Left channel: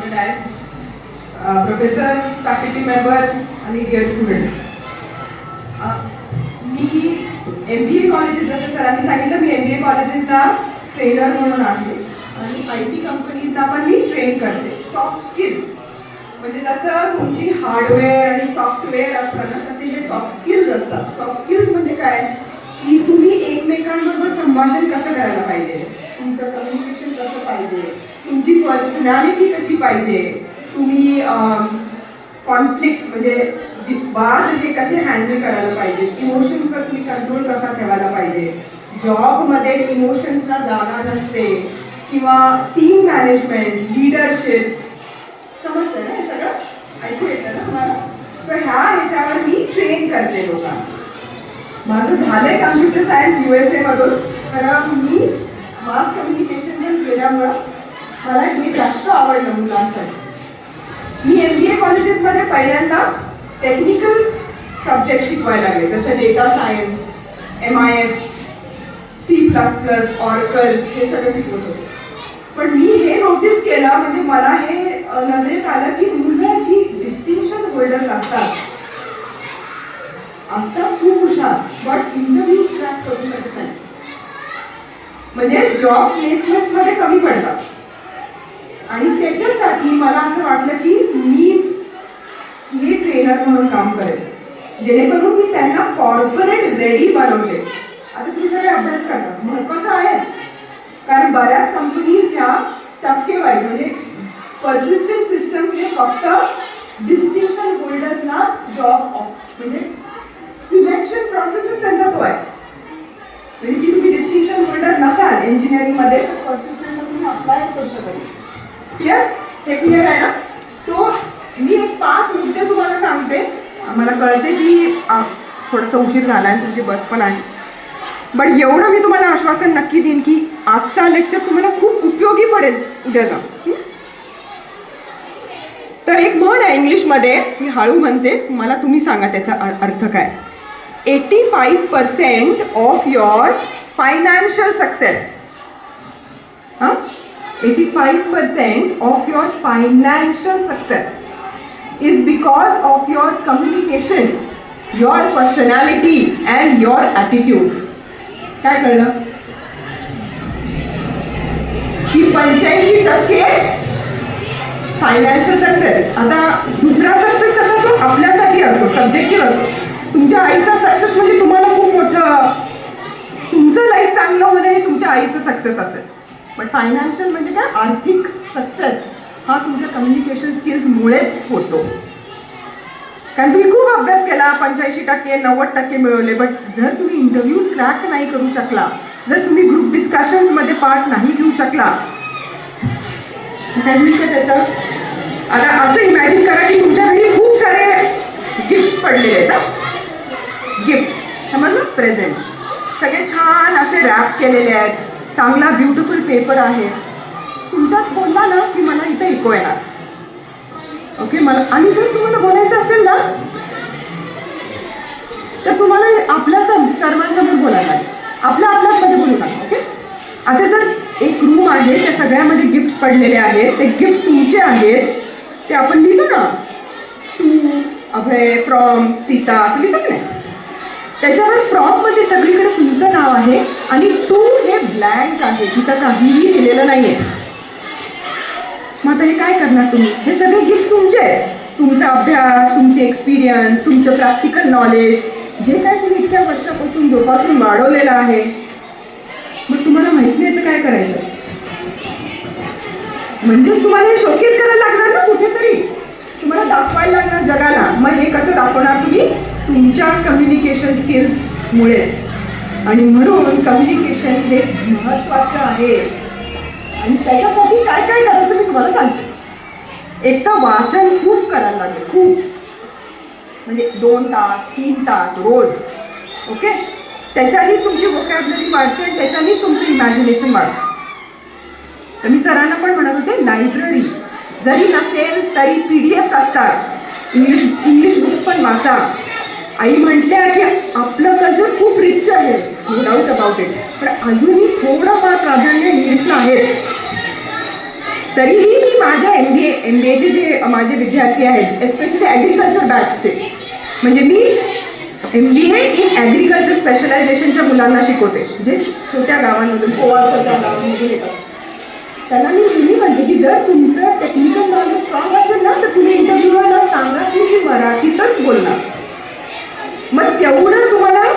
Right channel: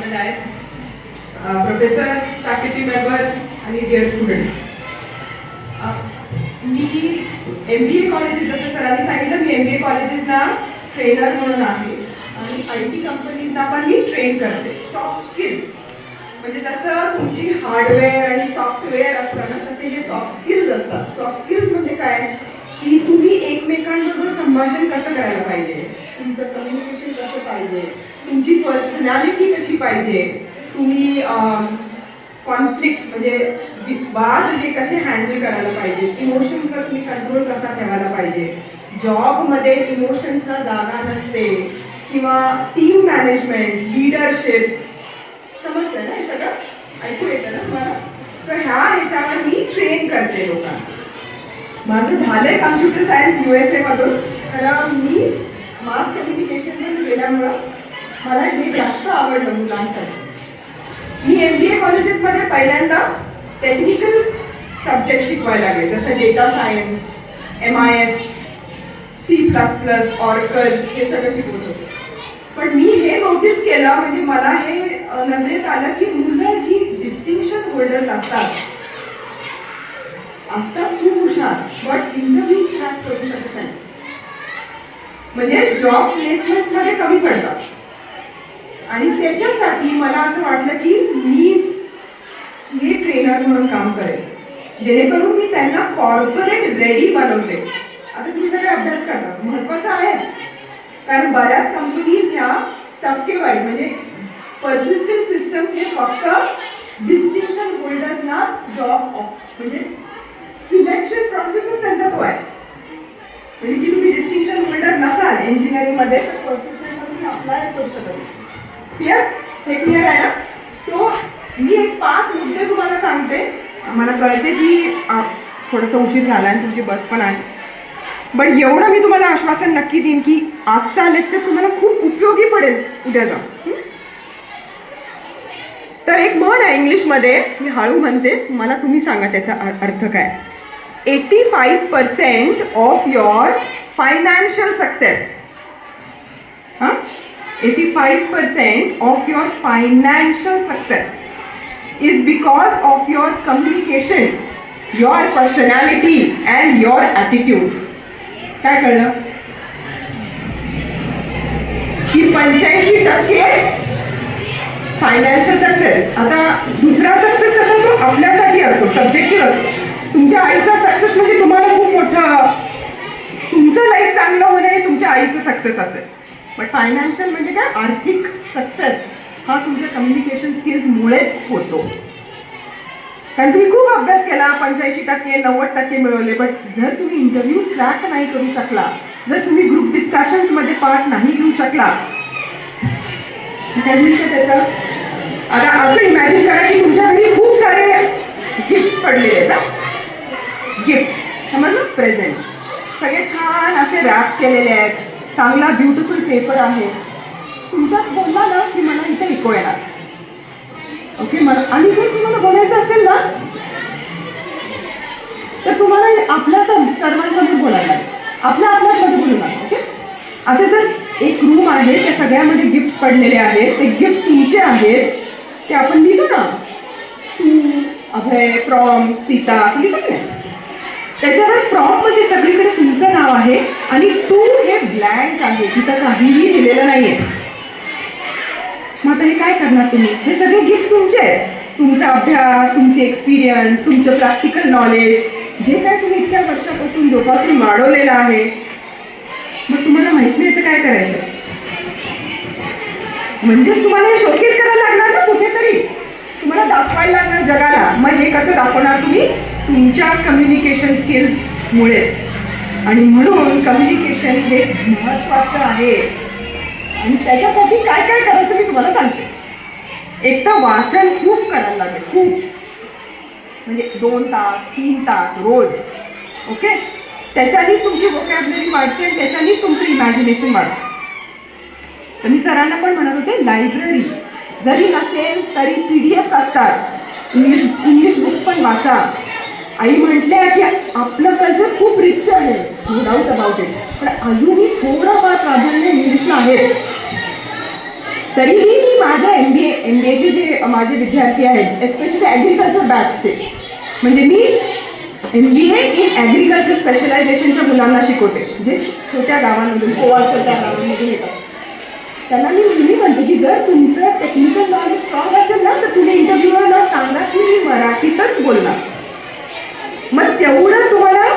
on the dais, professors, faculty members आणि dear students. मी MBA colleges, जसं सरांनी सांगितलं, मी MBA कॉलेजेसना ट्रेनर म्हणून आहे आणि IT कंपनीजना पण मी ट्रेन करते. सॉफ्ट स्किल्स म्हणजे जसं तुमची हार्डवेअर आणि सॉफ्टवेअर असतं ना, तसे हे सॉफ्ट स्किल्स असतात. सॉफ्ट स्किल्स म्हणजे काय की तुम्ही एकमेकांबरोबर संभाषण कसं करायला पाहिजे, तुमचं कम्युनिकेशन कसं पाहिजे, तुमची पर्सनॅलिटी कशी पाहिजे, तुम्ही कॉन्फ्लिक्ट म्हणजे वाद हे कसे हँडल करायला पाहिजे, इमोशन्सवर तुम्ही कंट्रोल कसा ठेवायला पाहिजे, जॉबमध्ये इमोशन्सला जागा नसते, किंवा टीम मॅनेजमेंट, लिडरशिप, समजतं ना हे सगळं, ऐकू येतं ना तुम्हाला. तर ह्याच्यावर मी ट्रेन करते लोकांना. माझं झालंय कम्प्युटर सायन्स USA मधून, कारण मी मास कम्युनिकेशन पण केल्यामुळं मला हे जास्त आवडलं मुलांसाठी. मी MBA कॉलेजेसमध्ये पहिल्यांदा टेक्निकल सब्जेक्ट शिकवायला लागले, जसं data science, MIS, C++, oracle हे सगळं शिकवत होते. पण मी हे नोटीस केलं, म्हणजे मला हे नजरेत आलं की मुलं जी डिस्टिंक्शन होल्डर्स असतात खूप हुशार, बट इंटरव्ह्यू क्रॅक करू शकत नाही, म्हणजे जॉब प्लेसमेंट्स मध्ये कमी पडतात. आणि त्याच्यासाठी मला असं वाटलं की मी हे ट्रेनर म्हणून काम करेल, जेणेकरून मी त्यांना कॉर्पोरेट रेडी बनवते. आता तुम्ही सगळे अभ्यास करता, महत्वाचं आहेच, कारण बऱ्याच कंपनीज ह्या टक्केवारी म्हणजे पर्सिस्टंट सिस्टम्स हे फक्त डिस्टिंक्शन होल्डर्सना जॉब म्हणजे सिलेक्शन प्रोसेसच त्यांचा तो आहे. म्हणजे की तुम्ही डिस्टिंक्शन होल्डर नसाल इंजिनिअरिंगमध्ये तर पर्सिस्टंट तुम्ही अप्लाय करू शकत. क्लिअर? हे क्लिअर आहे ना? सो मी एक 5 मुद्दे तुम्हाला सांगते. मला कळते की थोडासा उशीर झाला आणि तुमची बस पण आहे, बट एवढं मी तुम्हाला आश्वासन नक्की देईन की आजचा लेक्चर तुम्हाला खूप उपयोगी पडेल उद्या जाऊन. तर एक म्हण आहे इंग्लिशमध्ये, मी हळू म्हणते, मला तुम्ही सांगा त्याचा अर्थ काय. 85% of your financial success, 85% of your financial success is because of your communication, your personality and your attitude. काय कळलं? की 85% फायनान्शियल सक्सेस. आता दुसरा सक्सेस कसा तो आपल्यासाठी असतो, सब्जेक्टिव्ह असतो. तुमच्या आईचा सक्सेस म्हणजे तुम्हाला खूप मोठं, तुमचं लाईफ चांगलं होणे तुमच्या आईचं सक्सेस असेल. बट फायनान्शियल म्हणजे काय, आर्थिक सक्सेस हा तुमच्या कम्युनिकेशन स्किल्समुळेच होतो. कारण तुम्ही खूप अभ्यास केला, 85%, 90% मिळवले, बट जर तुम्ही इंटरव्ह्यू क्रॅक नाही करू शकला, जर तुम्ही ग्रुप डिस्कशन्समध्ये पार्ट नाही घेऊ शकला, त्याचं आता असं इमॅजिन करा की तुमच्या घरी खूप सारे गिफ्ट्स पडलेले आहेत. गिफ्ट समजलं, प्रेझेंट सगळे छान असे रॅप केलेले आहेत, चांगला ब्युटिफुल पेपर आहे. तुमच्यात बोलला ना की मला इथे ऐकू येणार, ओके. मला आणि जर तुम्हाला बोलायचं असेल ना तर तुम्हाला आपल्या सर्वांसमोर बोलायला, आपल्यामध्ये बोलू. ओके. आता जर एक रूम आहे, त्या सगळ्यामध्ये गिफ्ट्स पडलेले आहेत, ते गिफ्ट्स तुमचे आहेत, ते आपण लिहितो ना, तू, अभय, फ्रॉम, सीता असं लिहितो ना, त्याच्यावर फ्रॉम मध्ये सगळीकडे तुमचं नाव आहे आणि टू हे ब्लँक आहे, तिथं काहीही लिहिलेलं नाहीये. मग आता हे काय करणार तुम्ही? हे सगळे गिफ्ट तुमचे आहेत, तुमचा अभ्यास, तुमचे एक्सपिरियन्स, तुमचं प्रॅक्टिकल नॉलेज, जे काय तुम्ही इतक्या वर्षापासून जोपासून वाढवलेलं आहे. मग तुम्हाला माहिती याचं काय करायचं, म्हणजे तुम्हाला हे शोकेस करायला लागणार ना, कुठेतरी तुम्हाला दाखवायला लागणार जगाला. मग हे कसं दाखवणार तुम्ही? तुमच्या कम्युनिकेशन स्किल्समुळेच. आणि म्हणून कम्युनिकेशन हे महत्त्वाचं आहे. आणि त्याच्यासाठी काय काय करायचं मी तुम्हाला सांगते. एक तर वाचन खूप करायला लागेल, खूप, म्हणजे 2 तास 3 तास रोज, ओके. त्याच्यानेच तुमची व्होकॅब्युलरी वाढते आणि त्याच्यानेच तुमचं इमॅजिनेशन वाढतं. तर मी सरांना पण म्हणत होते, लायब्ररी जरी नसेल तरी PDF असतात, इंग्लिश बुक्स पण वाचा. आई म्हटल्या की आपलं कल्चर खूप रिच आहे, नो डाऊट अबाउट इट, पण अजूनही थोडं फार प्राधान्य इंग्लिशला आहे. तरीही मी माझ्या MBAचे जे माझे विद्यार्थी आहेत, एस्पेशली ॲग्रिकल्चर बॅचचे, म्हणजे मी MBA इन ॲग्रिकल्चर स्पेशलायझेशनच्या मुलांना शिकवते, जे छोट्या गावांमधून छोट्या गावांमधून येतात. त्यांना मी नेहमी म्हणते की जर तुमचं टेक्निकल नॉलेज स्ट्रॉंग असेल ना, तर तुम्ही इंटरव्ह्यूला सांगा की मी मराठीतच बोलणार. मग तेवढं तुम्हाला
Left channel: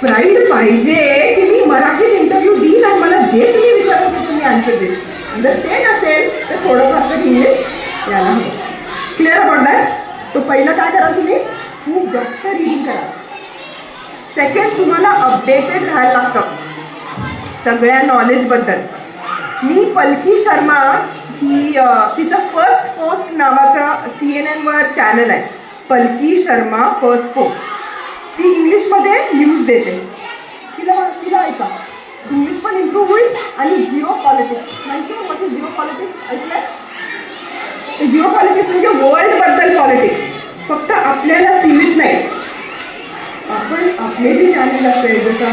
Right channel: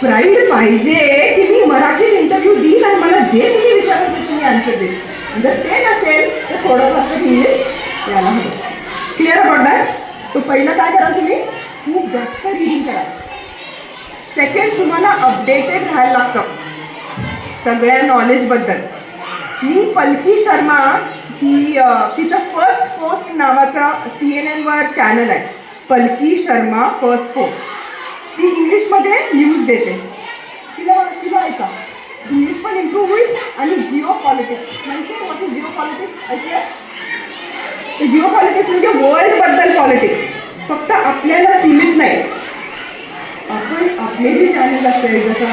प्राईड पाहिजे की मी मराठीत इंटरव्ह्यू देईन आणि मला जे तुम्ही विचारलं ते तुम्ही आन्सर देईल. जर ते नसेल तर थोडं फार इंग्लिश यायला हवं. Clear about that. तो पहिलं काय करा, तुम्ही खूप जास्त रीडिंग करा. सेकंड, तुम्हाला अपडेटेड राहायला लागतं सगळ्या नॉलेजबद्दल. मी पलकी शर्मा ही तिचं फर्स्ट पोस्ट नावाचं CNN वर चॅनल आहे, पलकी शर्मा फर्स्ट पोस्ट. ती इंग्लिशमध्ये न्यूज देते. तिला ऐका, इंग्लिश पण इम्प्रूव्ह होईल. आणि जिओ पॉलिटिक्स म्हणजे मोठी जिओ पॉलिटिक्स ऐकलं. जिओ पॉलिटिक्स म्हणजे वर्ल्डबद्दल पॉलिटिक्स, फक्त आपल्याला सीमित नाही. आपण आपले जे चॅनल असेल, जसं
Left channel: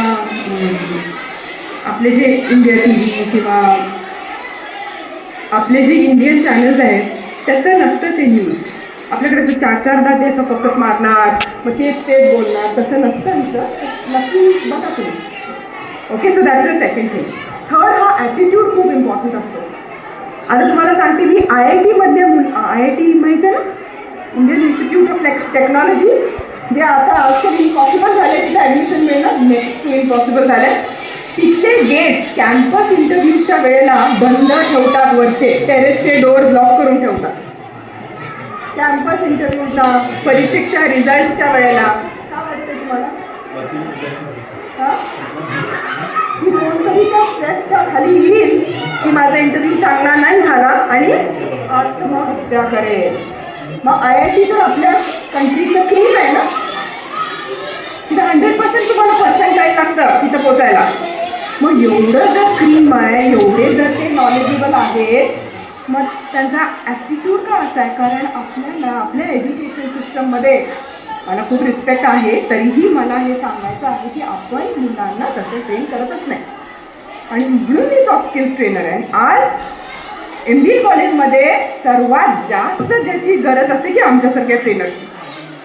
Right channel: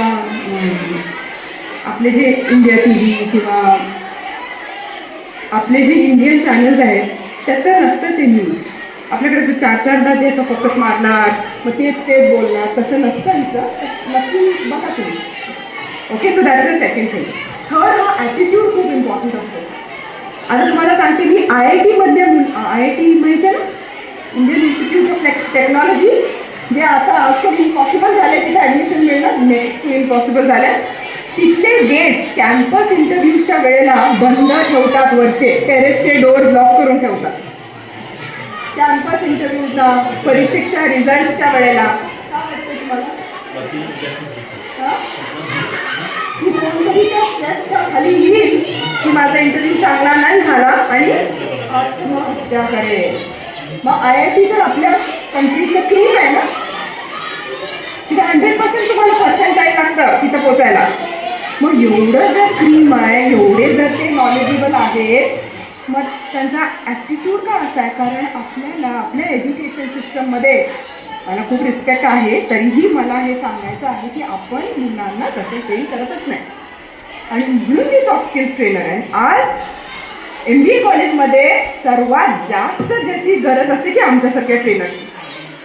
आपले जे इंडिया TV किंवा आपले जे इंडियन चॅनल्स आहेत, तसं नसतं ते न्यूज. आपल्याकडे जर 4-4दा त्याचा फोकस मारणार, मग तेच बोलणार, तसं नसतं इथं. नक्की बघा तुम्ही. Okay, so that's the second thing. Third, हा ॲटिट्यूड खूप इम्पॉर्टंट असतो. आता तुम्हाला सांगते, मी IIT माहिती आहे ना, इंडियन इन्स्टिट्यूट ऑफ टेक्नॉलॉजी, जे आता ऑलमोस्ट इम्पॉसिबल झाले, तिथे ॲडमिशन मिळणं नेक्स्ट इम्पॉसिबल झालं. तिथले गेट्स कॅम्पस इंटरव्ह्यूच्या वेळेला बंद ठेवतात, वरचे टेरेसचे डोअर ब्लॉक करून ठेवतात. कॅम्पस इंटरव्ह्यूचा, परीक्षेच्या रिझल्टच्या वेळेला. का वाटतं तुम्हाला? स्ट्रेसच्या खाली येईल की माझा इंटरव्ह्यू चांगला नाही झाला आणि आत्महत्या करेल. मग IIT तर आपल्या कंट्रीचं क्रीम आहे ना, तिथं 100% तुम्हाला पर्सेंटाईल लागतं तिथं पोचायला. मग एवढं जर क्रीम आहे, एवढे जर ते नॉलेजेबल आहेत, मग त्यांचा ॲटिट्यूड का असा आहे? कारण आपल्याला आपल्या एज्युकेशन सिस्टममध्ये मला खूप रिस्पेक्ट आहे, तरीही मला हे सांगायचं आहे की आपण मुलांना तसे ट्रेन करतच नाही. आणि म्हणून मी सॉफ्ट स्किल्स ट्रेनर आहे. आज MBA कॉलेजमध्ये सर्वात जास्त ज्याची गरज असते की आमच्यासारख्या ट्रेनरची.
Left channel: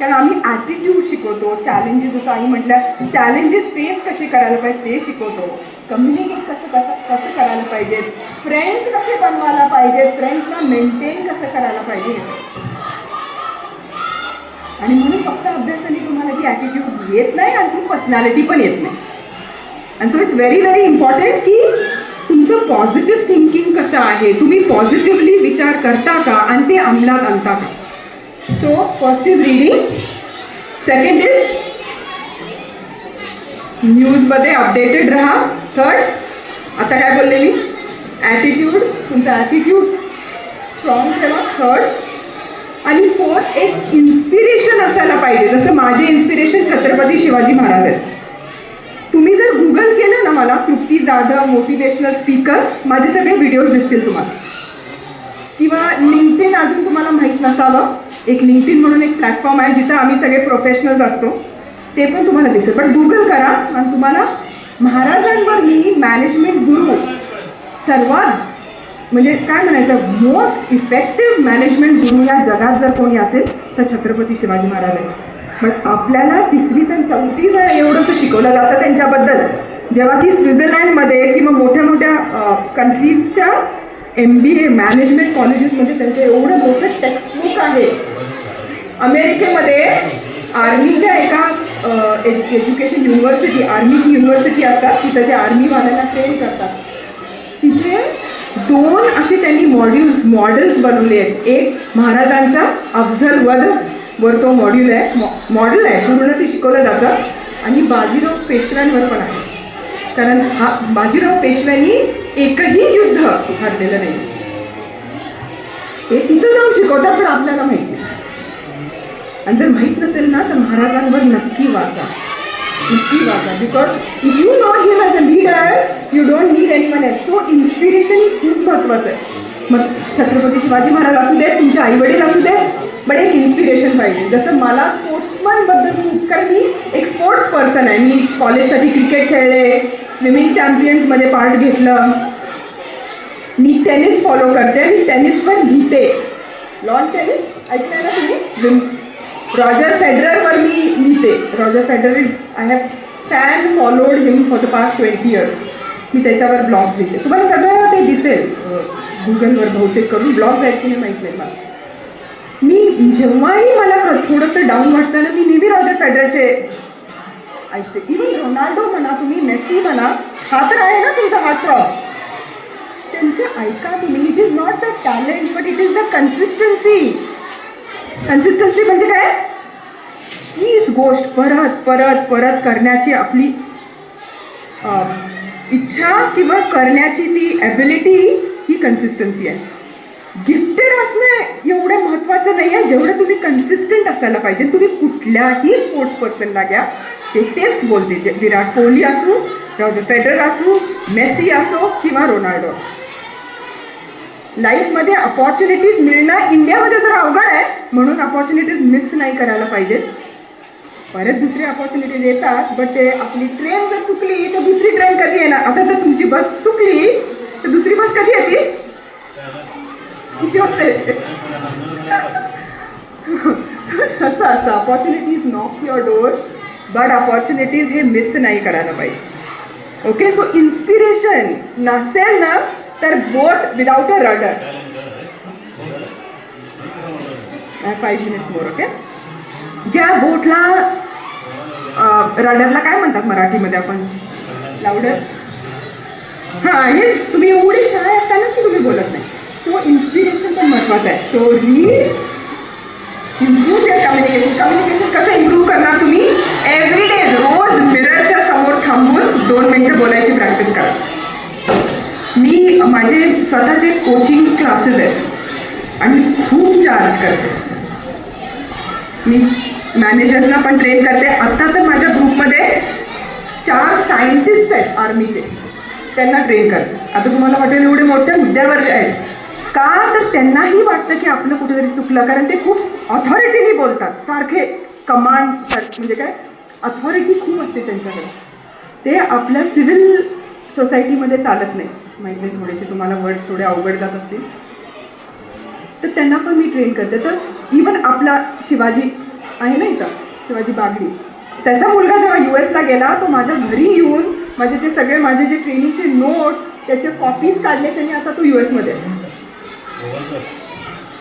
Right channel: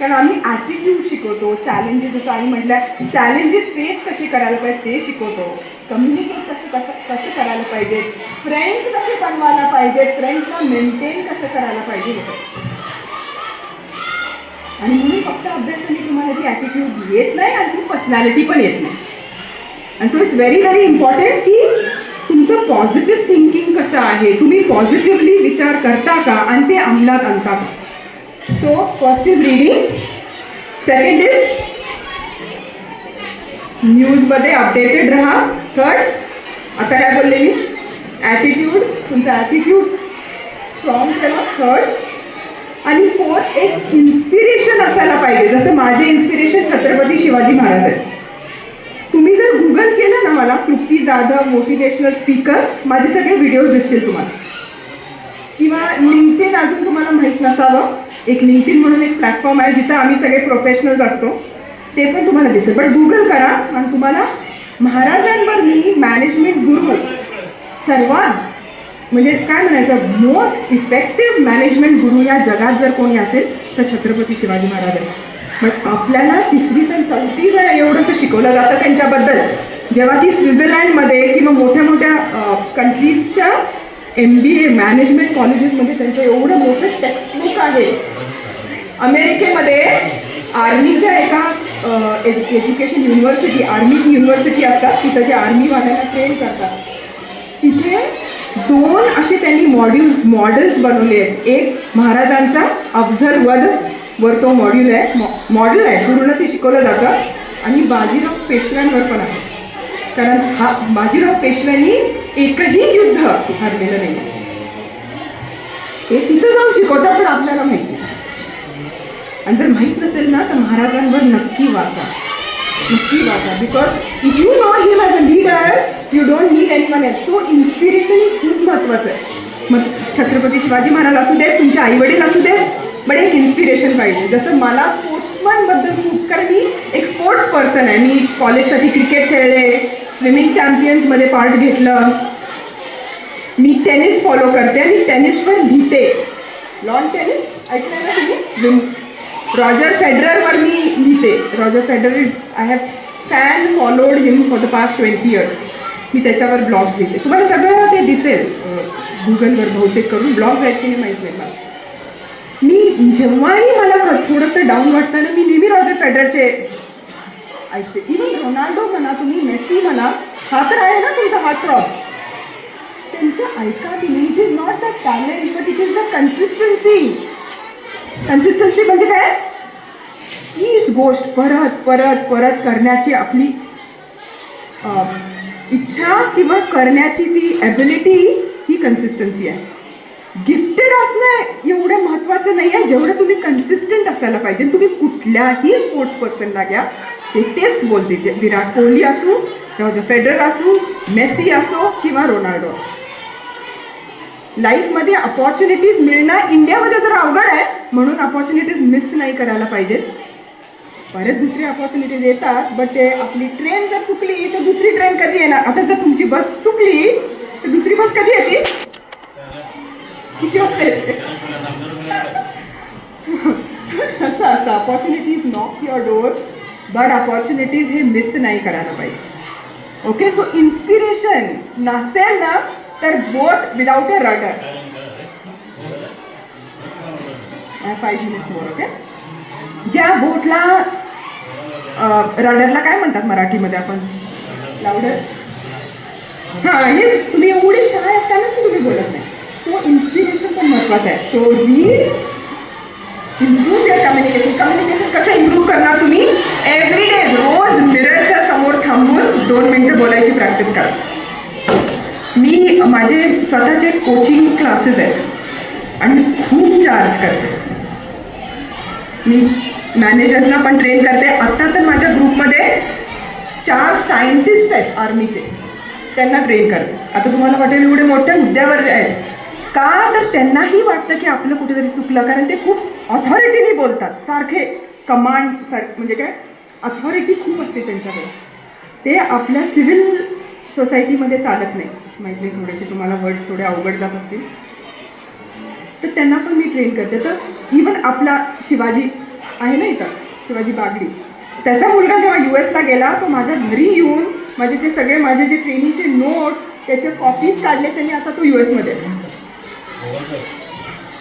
कारण आम्ही ॲटिट्यूड शिकवतो, चॅलेंजेस, जसं आई म्हटलं, चॅलेंजेस फेस कसे करायला पाहिजे ते शिकवतो, कम्युनिकेट कसं करायला पाहिजे, फ्रेंड्स कसे बनवायला पाहिजे, फ्रेंड्सला मेंटेन कसं करायला पाहिजे. आणि म्हणून फक्त अभ्यासाने तुम्हाला ती ॲटिट्यूड येत नाही आणि ती पर्सनॅलिटी पण येत नाही. And so it's very very important की तुमचं पॉझिटिव्ह थिंकिंग कसं आहे, तुम्ही पॉझिटिव्हली विचार करता का आणि ते अंमलात आणता का. So first is reading, second is न्यूजमध्ये अपडेटेड राहा. थर्ड, आता काय बोलले मी, ॲटिट्यूड, तुमचा ॲटिट्यूड स्ट्रॉंग ठेवा. थर्ड आणि फोर्थ, एक इन्स्पिरेशन असायला पाहिजे. जसं माझे इन्स्पिरेशन छत्रपती शिवाजी महाराज आहेत. तुम्ही जर गुगल केलं ना, मला तृप्ती जाधव मोटिवेशनल स्पीकर, माझे सगळे व्हिडिओज दिसतील तुम्हाला. किंवा लिंक्डइन, अजून तुम्हाला माहीत नसावं, एक लिंक्डइन म्हणून एक प्लॅटफॉर्म आहे जिथं आम्ही सगळे प्रोफेशनल्स असतो, ते पण तुम्हाला दिसेल. पण गुगल करा आणि तुम्हाला महाराजांवर मी मॅनेजमेंट गुरु, सर्वात म्हणजे काय म्हणायचं, मोस्ट इफेक्टिव्ह मॅनेजमेंट गुरु या जगात जर कोणी असेल तर छत्रपती शिवाजी महाराज आहेत. मग आपल्याला 3री ते 4थी वेळा एवढंसं शिकवलं जातं त्यांच्याबद्दल. जेव्हा ती स्वित्झर्लंडमध्ये किंवा मोठ्या मोठ्या कंट्रीजच्या MBA मॅनेजमेंट कॉलेजेसमध्ये त्यांचं एवढं मोठं टेक्स्टबुक आहे. अमेरिकेमध्ये आर्मीच्या एका एज्युकेशन युनिव्हर्सिटी, आर्मीची युनिव्हर्सिटी असतात, तिथं जे आर्मीवाल्यांना ट्रेन करतात, तिथे 2 असे त्यांनी मॉडेल्स बनवले आहेत. एक महाराजांचा अफझल वध वर तो मॉड्यूल आहे, पूर्ण ते शिकवलं जातं. आणि बाजीराव पेशव्यांवर पण आहे, कारण हा बाजीराव पेशव्यांनी एकही युद्ध हरलेलं नाही. हे तिथं जाऊन शिकवतात, पण आपल्याला माहिती नाही. आणि जर माहीत नसेल ना तर महाराजांवर नक्की वाचा. Because if you know him as a leader, you don't need anyone else. So inspiration ही खूप महत्त्वाचं आहे. मग छत्रपती शिवाजी महाराज असू दे, तुमचे आईवडील असू दे, पण एक इन्स्पिरेशन पाहिजे. जसं मला स्पोर्ट्समनबद्दल खूप, कारण मी एक स्पोर्ट्स पर्सन आहे. मी कॉलेजसाठी क्रिकेट खेळले, स्विमिंग चॅम्पियन्समध्ये पार्ट घेतलं, मी टेनिस फॉलो करते आणि टेनिसवर लिहिते. लॉन टेनिस ऐकलंय ना तुम्ही? रॉजर फेडररवर मी लिहिते. Roger Federer is I have fan followed him for the past 20 years. मी त्याच्यावर ब्लॉग लिहिते. तुम्हाला सगळं ते दिसेल गुगलवर बहुतेक करून. ब्लॉग ॲक्च्युली माहीत नाही मला. मी जेव्हाही मला थोडंसं डाऊन वाटतं ना, मी नेहमी रॉजर फेडररचे ऐकते. इव्हन रोनाल्डो म्हणा तुम्ही, मेसी म्हणा, हा तर आहे ना तुमचा हार्ट थ्रॉब, त्यांचं ऐका तुम्ही. It is not the talent but it is the consistency. Consistency म्हणजे काय? तीच गोष्ट परत परत परत करण्याची आपली इच्छा किंवा करण्याची ती ॲबिलिटी, ही कन्सिस्टन्सी आहे. गिफ्टेड असणं एवढं महत्त्वाचं नाही आहे जेवढं तुम्ही कन्सिस्टंट असायला पाहिजे. तुम्ही कुठल्याही स्पोर्ट्स पर्सनला घ्या, ते तेच बोलते. जे विराट कोहली असू, रॉजर फेडरर असू, मेसी असो किंवा रोनाल्डो. लाईफमध्ये अपॉर्च्युनिटीज मिळणं इंडियामध्ये जर अवघड आहे, म्हणून अपॉर्च्युनिटीज मिस नाही करायला पाहिजेत. परत दुसरी अपॉर्च्युनिटीज येतात, बट ते आपली ट्रेन जर चुकली तर दुसरी ट्रेन कधी येणार? आता जर तुमची बस चुकली तर दुसरी बस कधी येते? किती वाजता येते? असं असतं. Opportunities knock your door, but opportunities हे मिस नाही करायला पाहिजे. ओके, सो इन्स्पिरेशन नसेल ना तर boat without a rudder. 5 minutes more. Okay, ज्या बोटला रडरला काय म्हणतात मराठीमध्ये आपण? लावडर. हां, हेच. तुम्ही एवढी शाळा असताना की तुम्ही बोलत नाही. सो इन्स्पिरेशन पण महत्त्वाचं आहे. So read, improve your communication. Communication कसं इम्प्रूव्ह करणार तुम्ही? एव्हरी डे रोज मिररच्या समोर थांबून 2 मिनिटं बोलायची प्रॅक्टिस करा. मी माझे स्वतःचे कोचिंग क्लासेस आहेत आणि खूप चार्ज करते. मी मॅनेजर्सना पण ट्रेन करते. आत्ता तर माझ्या ग्रुपमध्ये 4 सायंटिस्ट आहेत आर्मीचे, त्यांना ट्रेन करते. आता तुम्हाला वाटेल एवढे मोठ्या हुद्द्यावर आहेत का? तर त्यांनाही वाटतं की आपलं कुठेतरी चुकलं, कारण ते खूप ऑथॉरिटीने बोलतात. सारखे कमांड, म्हणजे काय, अथॉरिटी खूप असते त्यांच्याकडे. ते आपल्या सिव्हिल सोसायटीमध्ये चालत नाही. माहीत नाही, थोडेसे तुम्हाला वर्ड्स थोडे अवघड जात असतील, तर त्यांना पण मी ट्रेन करते. तर इवन आपला शिवाजी आहे ना इथं, शिवाजी बागडी, त्याचा मुलगा जेव्हा US ला गेला, तो माझ्या घरी येऊन माझे ते सगळे माझे जे ट्रेनिंगचे नोट्स त्याचे कॉपीज काढले त्यांनी. आता तो US मध्ये.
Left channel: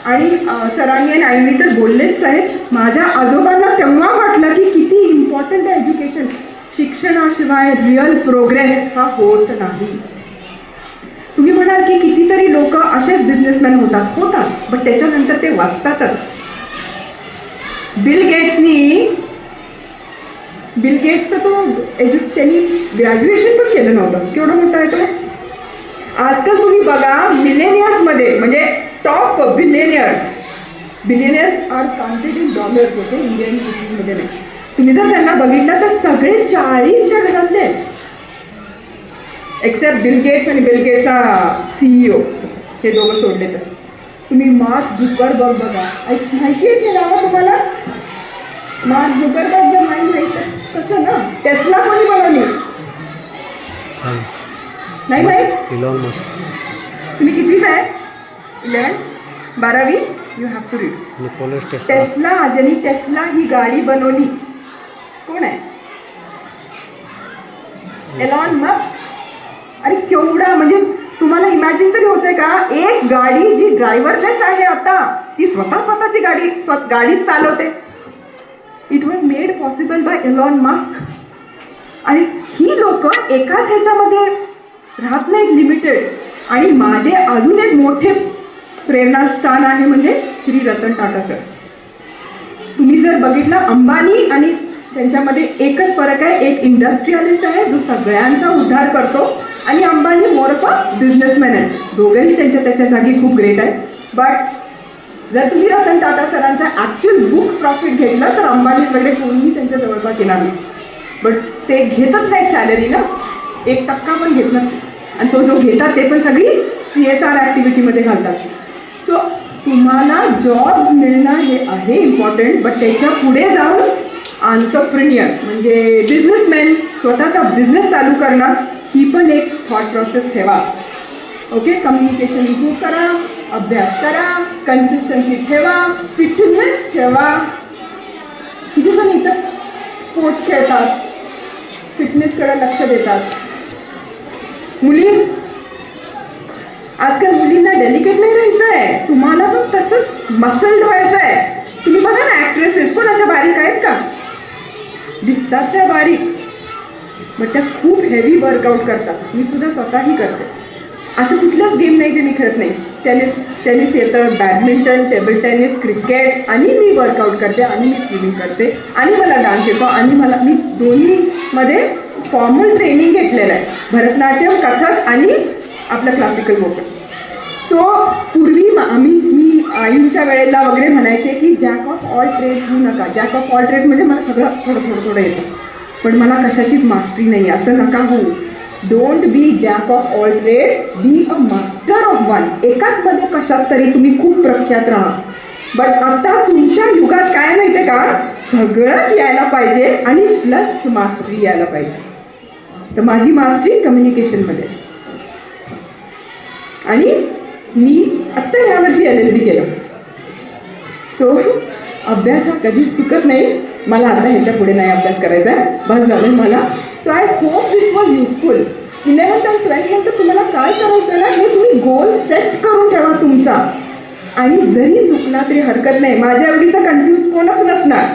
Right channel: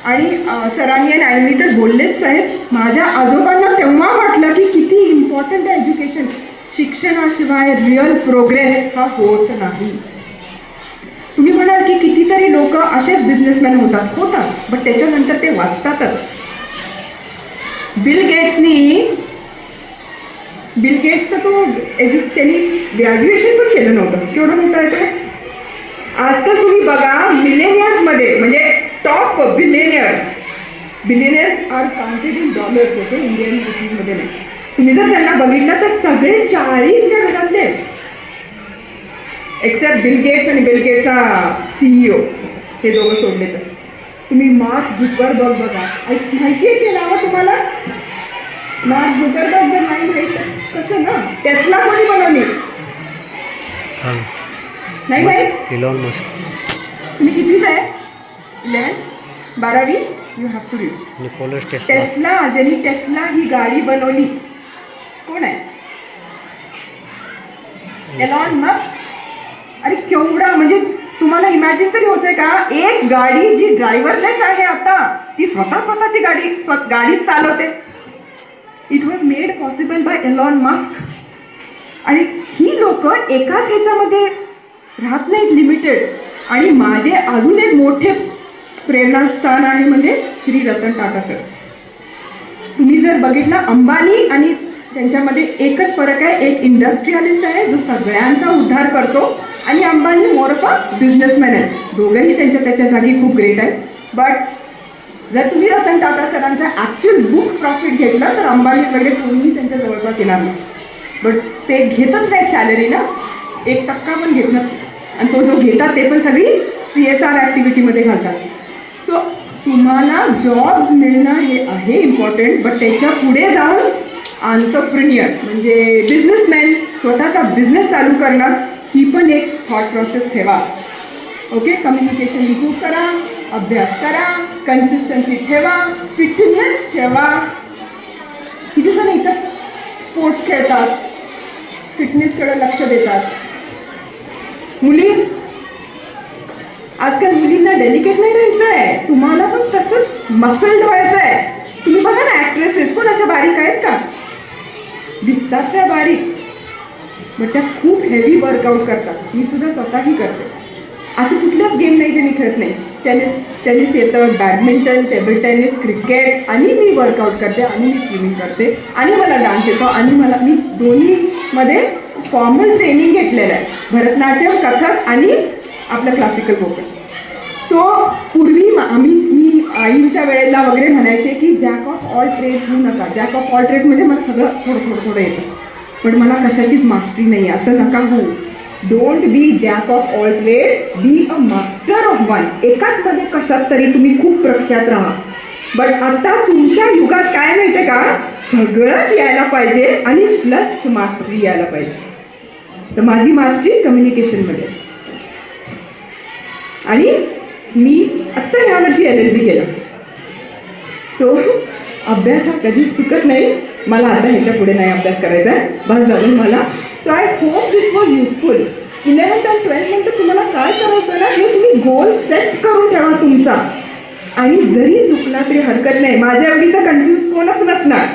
आणि सरांनी आणि आईनी तर बोललेच आहेत. माझ्या आजोबांना तेव्हा वाटलं की किती इम्पॉर्टंट आहे एज्युकेशन. शिक्षणाशिवाय रिअल प्रोग्रेस हा होत नाही. तुम्ही म्हणाल की कितीतरी लोक असेच बिझनेसमॅन होतात, बट त्याच्यानंतर ते वाचतातच. बिल गेट्स तर त्यांनी ग्रॅज्युएशन पण केलं नव्हतं. केवढं मोठं आहे तो. आजकाल तुम्ही बघा मिलेनियर्समध्ये, म्हणजे top billionaires are counted in dollars. Okay, Indian रुपीजमध्ये नाही. तुम्ही जर त्यांना बघितलं तर सगळे 40च्या घरातले, एक्सेप्ट बिल गेट्स आणि बिल गेट्सचा CEO, हे दोघं सोडले तर. तुम्ही मार्क झुकरबर्ग बघा. माहिती आहे की नाव तुम्हाला? मार्क झुकरबर्ग जर नाही माहिती कसं ना, टेस्ला कोणी बनवली? नाही माहीत? Elon Musk. तुम्ही कितीच आहे? 11, 12वी. You have to read. Nicholas Tesla. ज्यांनी टेस्ला ही गाडी बनवली कोण आहे? Elon Musk. आणि केवढा, म्हणजे तुम्हाला इमॅजिन तरी होतंय का? एक गाडी जी ड्रायव्हरलेस आहे आता, ती स्वतःची गाडीच चालवते. It was made possible by Elon Musk. आणि ही लोक एकाच ह्याच्यामध्ये राहत नाहीत, लिमिटेड. आणि माझे अजून एक मोठे प्रेरणास्थान आहे म्हणजे श्री रतन टाटा सर. तुम्ही जर बघितलं, अंबानी आणि त्यांच्यामध्ये एकच फरक आहे. एक इंडस्ट्रियलिस्ट आहे जो सगळ्यांचा उद्धार करतो, आणि Ambani more of a businessman आहे. दोघंही त्याच्या जागी खूप ग्रेट आहे. बट जर तुम्ही रतन टाटा सरांचा ॲक्च्युअल बुक प्रॉफिट घेतलं तर अंबानी वगैरे कोणीही त्यांच्या जवळपास येणार नाही. बट ते घेतच नाही सॅलरी ना, 1% पण घेत नसते. आणि तो जो घेतात ते पण सगळी CSR ॲक्टिव्हिटीमध्ये घालतात. सो तुम्हाला जॉब्स मिळणं हे आहे इम्पॉर्टंट, बट त्याच्या पुढे जाऊन एंटरप्रेन्युअर म्हणजे बिझनेसमॅन, स्वतःचा बिझनेस चालू करणार, ही पण एक थॉट प्रोसेस ठेवा. ओके, कम्युनिकेशन इम्प्रूव्ह करा, अभ्यास करा, कन्सिस्टन्सी ठेवा, फिटनेस ठेवा. किती जण इथं स्पोर्ट्स खेळतात, फिटनेसकडे लक्ष देतात. मुली, आजकाल मुलींना डेलिकेट नाही राहायचं आहे, तुम्हाला पण तसंच मसल्ड व्हायचं आहे. तुम्ही बघा ना, ऍक्ट्रेसेस पण अशा बारीक आहेत का? दिसतात त्या बारीक, बट त्या खूप हेवी वर्कआउट करतात. मी सुद्धा स्वतःही करते. असं कुठलंच गेम नाही जे मी खेळत नाही. टेनिस येतं, बॅडमिंटन, टेबल टेनिस, क्रिकेट, आणि मी वर्कआउट करते, आणि मी स्विमिंग करते, आणि मला डान्स येतो, आणि मी दोन्हीमध्ये फॉर्मल ट्रेनिंग घेतलेलं आहे. भरतनाट्यम, कथक आणि आपलं क्लासिकल वोकल. सो पूर्वी मी आईच्या वेळेला वगैरे म्हणायचे की जॅक ऑफ ऑल ट्रेड्स होऊ नका. जॅक ऑफ ऑल ट्रेड्स म्हणजे मला सगळं थोडं येतं, पण मला कशाचीच मास्टरी नाही, असं नका होऊ. Don't be jack of all trades, be a master of one. एकाच मध्ये कशात तरी तुम्ही खूप प्रख्यात राहा. बट आता तुमच्या युगात काय माहिती का, सगळंच यायला पाहिजे आणि प्लस मास्टरी यायला पाहिजे. तर माझी मास्टरी कम्युनिकेशनमध्ये, आणि मी आत्ता यावर्षी LLB केलं. सो अभ्यास हा कधीच चुकत नाही. मला आता ह्याच्या पुढे नाही अभ्यास करायचा आहे, बस झालं मला. So I hope this was useful. 11th आणि 12th नंतर तुम्हाला काय करायचं ना, हे तुम्ही गोल सेट करून ठेवा तुमचा, आणि जरी चुकला तरी हरकत नाही. माझ्या एवढी तर कन्फ्यूज कोणच नसणार.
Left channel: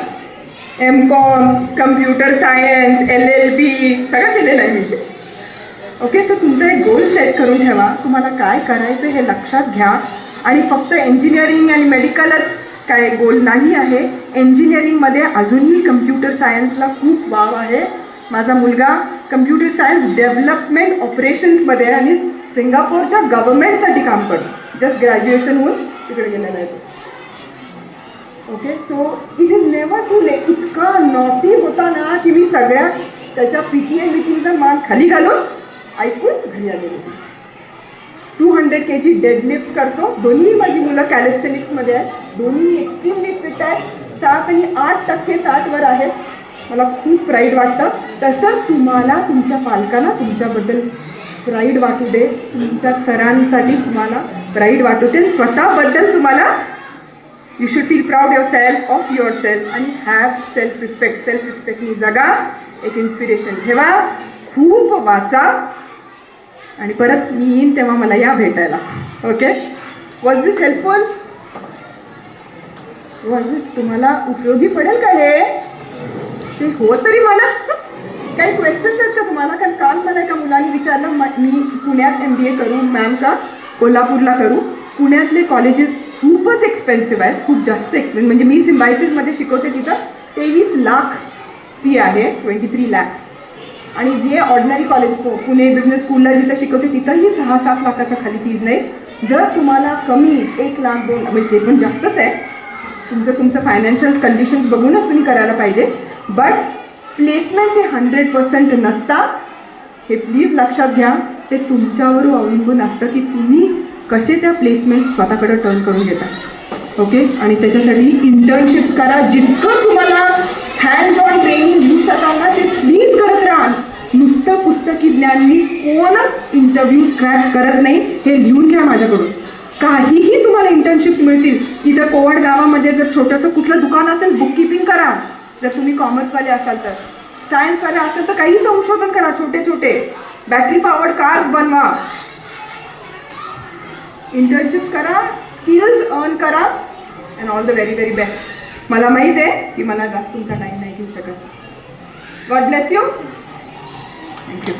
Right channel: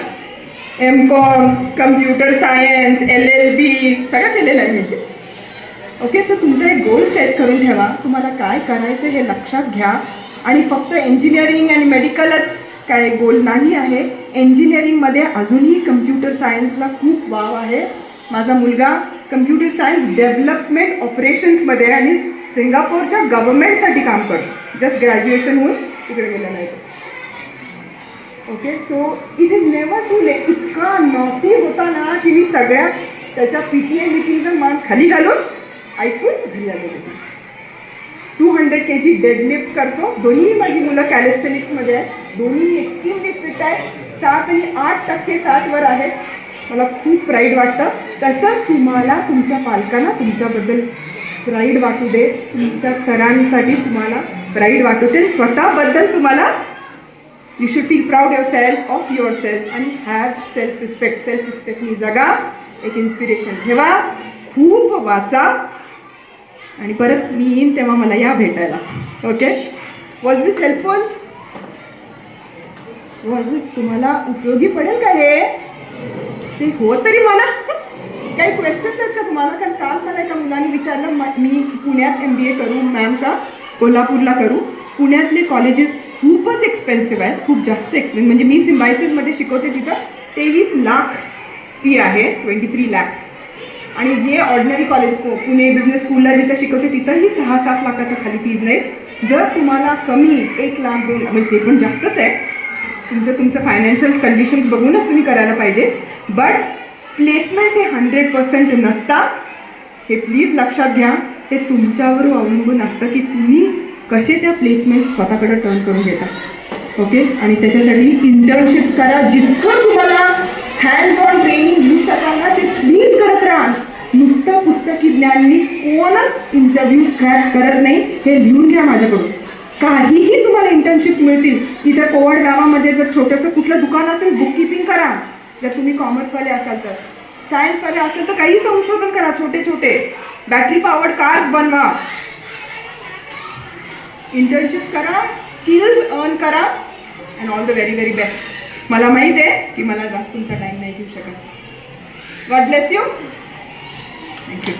MCOM, कम्प्युटर सायन्स, LLB सगळं केलेलं आहे म्हणजे. ओके, सो तुमचा एक गोल सेट करून ठेवा, तुम्हाला काय करायचं हे लक्षात घ्या. आणि फक्त इंजिनिअरिंग आणि मेडिकलच काय गोल नाही आहे. इंजिनिअरिंगमध्ये अजूनही कम्प्युटर सायन्सला खूप वाव आहे. माझा मुलगा कम्प्युटर सायन्स डेव्हलपमेंट ऑपरेशन्समध्ये आणि सिंगापूरच्या गव्हर्नमेंटसाठी काम करतो. जस्ट ग्रॅज्युएशन होऊन तिकडे गेलेला आहे. Okay, so it is never too late. इतका नॉटी होता ना की मी सगळ्या त्याच्या PTA मीटिंगचा मान खाली घालून ऐकून घरी आलेली. 200 kg डेडलिफ्ट करतो. दोन्ही माझी मुलं कॅलिस्थेनिक्समध्ये आहेत, दोन्ही एक्स्ट्रीमली फिट आहेत. 7 आणि 8% 60वर आहे. मला खूप प्राईड वाटतं. तसं तुम्हाला तुमच्या पालकांना तुमच्याबद्दल प्राईड वाटू दे, तुमच्या सरांसाठी तुम्हाला प्राईड वाटू दे, स्वतःबद्दल तुम्हाला you should feel proud of your self आणि हॅव सेल्फ रिस्पेक्ट. सेल्फ रिस्पेक्टनी जगा, एक इन्स्पिरेशन ठेवा, खूप वाचा, आणि परत मी येईन तेव्हा मला या भेटायला. Okay, was this helpful? Was it तुम्हाला उपयोगी पडेल का हे? ते हो तरी मला काही क्वेश्चन्स आहेत का तुम्हाला? कारण काल मला एका मुलाने विचारलं, मी पुण्यात MBA करू मॅम का कोल्हापूरला करू? पुण्यातले कॉलेजेस खूपच एक्सपेन्सिव्ह आहेत, खूप जास्त एक्सपेन्सिव्ह. म्हणजे मी सिम्बायसिसमध्ये शिकवते तिथं 23 लाख फी आहे, 23 lakhs. आणि जे ऑर्डिनरी कॉलेज पुणे बिझनेस स्कूलला जिथं शिकवते तिथंही 6-7 लाखाच्या खाली फीज नाही. जर तुम्हाला कमी 1 लाख 2 म्हणजे ते पण जास्तच आहे, तुमचं फायनान्शियल कंडिशन्स बघूनच तुम्ही करायला पाहिजे. बट प्लेसमेंट्स हे 100% नसतात, हे प्लीज लक्षात घ्या. ते तुमच्यावर अवलंबून असतं की तुम्ही कसे त्या प्लेसमेंट्स स्वतःकडे टर्न करून घेता. ओके, आणि त्याच्यासाठी इंटर्नशिप्स करा. जितकं तुम्हाला हँड्स ऑन ट्रेनिंग घेऊ शकाल ना ते प्लीज करत राहा. नुसतं पुस्तकी ज्ञाननी कोणच इंटरव्ह्यूज क्रॅक करत नाही, हे लिहून घ्या माझ्याकडून. काहीही तुम्हाला इंटर्नशिप्स मिळतील. इथं कोवड गावामध्ये जर छोटंसं कुठलं दुकान असेल, बुककीपिंग करा. जर तुम्ही कॉमर्सवाले असाल तर, सायन्सवाले असाल तर काही संशोधन करा, छोटे छोटे बॅटरी पॉवर्ड कार्स बनवा, इंटर्नशिप्स करा, स्किल्स अर्न करा, and all the very very best. मला माहीत आहे की मला जास्त तुमचा टाईम नाही घेऊ शकत. God bless you. थँक्यू.